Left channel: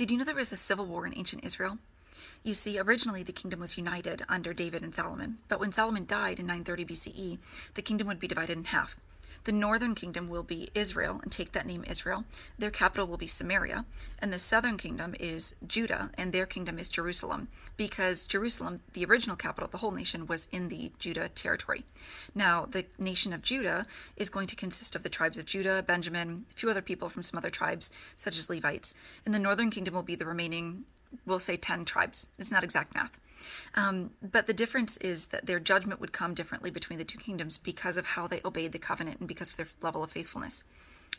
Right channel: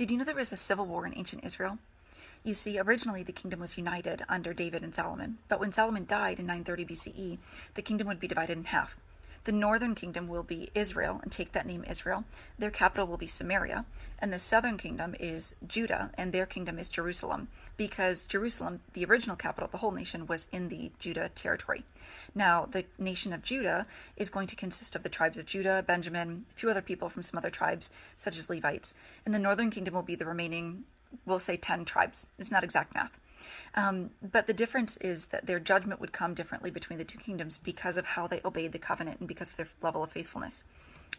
Did you know there was a civil war in ancient Israel? You see, originally the kingdom was united under David and Solomon, but when Solomon died in 930 BCE, the kingdom would be divided in half. The northern kingdom will be Israel and take that name Israel. Their capital will be Samaria, and the southern kingdom is Judah, and their kingdom is Jerusalem, because Jerusalem, the original capital of the whole nation, was in the Judah territory. Now, the nation of Judah is going to consist of the tribes of Judah, Benjamin, a few other people from some other tribes, such as Levites, and the northern kingdom will be the remaining, we'll say 10 tribes. It's not exact math. But the difference is that their judgment would come differently between the two kingdoms because of how they obeyed the covenant and because of their level of faithfulness.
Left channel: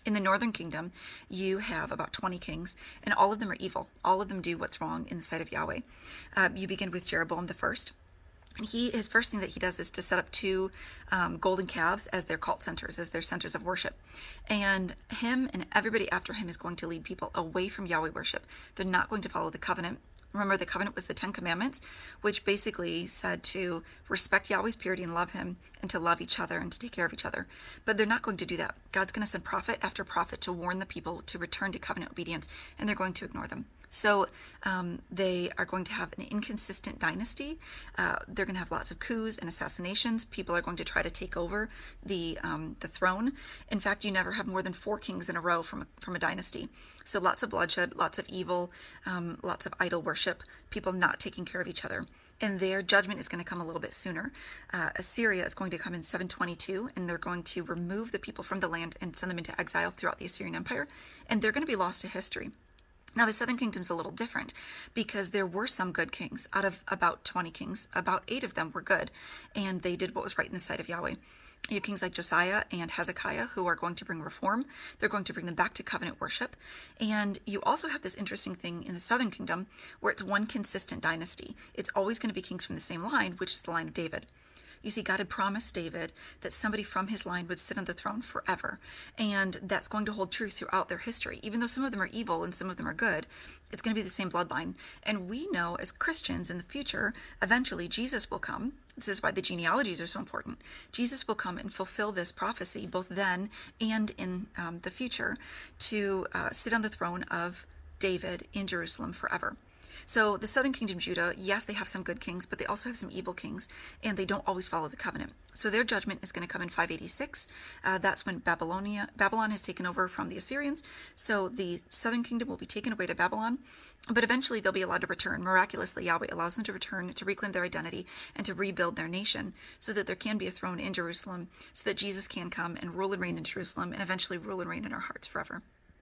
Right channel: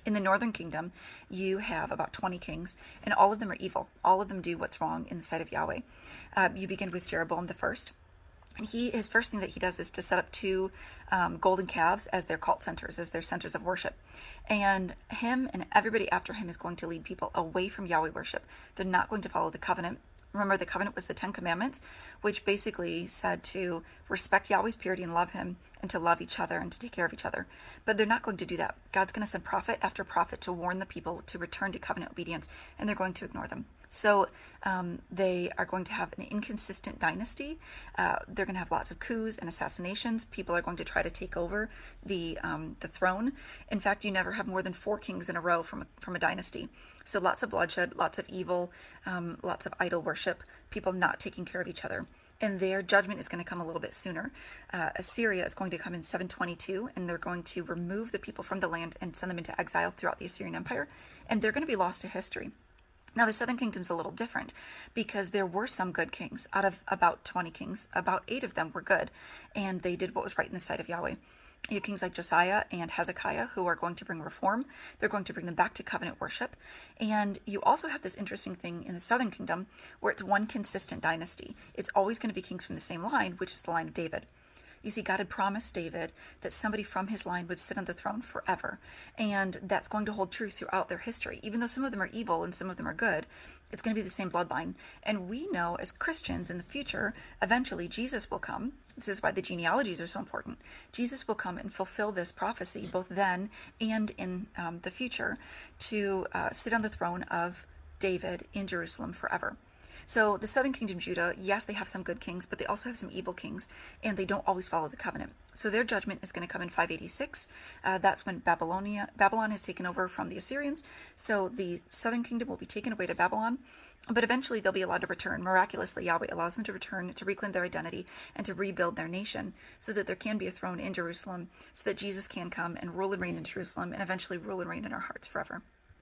In the northern kingdom, you have about 20 kings, and all of them are evil. All of them do what's wrong in the sight of Yahweh. You begin with Jeroboam the first. And his first thing that he does is to set up two golden calves as their cult centers, as their centers of worship. And him and everybody after him is going to lead people away from Yahweh worship. They're not going to follow the covenant. Remember, the covenant was the 10 Commandments, which basically said to respect Yahweh's purity and love him, and to love each other and to take care of each other. But they're not going to do that. God's going to send prophet after prophet to warn the people to return to covenant obedience, and they're going to ignore them. So they are going to have an inconsistent dynasty. They're going to have lots of coups and assassinations. People are going to try to take over the throne. In fact, you never have more than 4 kings in a row from a dynasty. So lots of bloodshed, lots of evil, lots of idol worship, people not taking care of each other. And their judgment is going to come a little bit sooner. Assyria is going to come in 722, and they're going to remove the people from the land and send them into exile throughout the Assyrian Empire. And they're going to be lost to history. Now, the southern kingdom's a little different because there were some good kings. Out of about 20 kings, about 8 of them were good, and they did what was right in the sight of Yahweh. You have kings like Josiah and Hezekiah who are going to bring reform. They're going to bring them back to covenant worship. And you also have this interesting thing in the southern kingdom where it's one consistent dynasty. It's always going to be kings from the same line, which is the line of David. You see, God had promised David that somebody from his line would sit on the throne forever. And that's going to hold true throughout their history. Even though some of them are evil and some of them are good, it's going to be the same bloodline. And we know as Christians in the future, eventually Jesus will come. This is why the genealogies are so important. Jesus will come and fulfill this prophecy both then and in the future to sit on the throne of David in Jerusalem forever. So the southern kingdom, Judah, yes, they have some good kings, but they also have some evil kings, and they don't always follow the covenant. So their judgment is going to come in 586. That's when Babylon has taken over from the Assyrians. So the southern kingdom will be taken away to Babylon, but eventually they'll be allowed to return. Miraculously, Yahweh allows them to return, to reclaim their identity, and to rebuild their nation so that there can be a throne in Jerusalem, so that Jesus can come and rule and reign in Jerusalem, and eventually rule and reign in our hearts forever.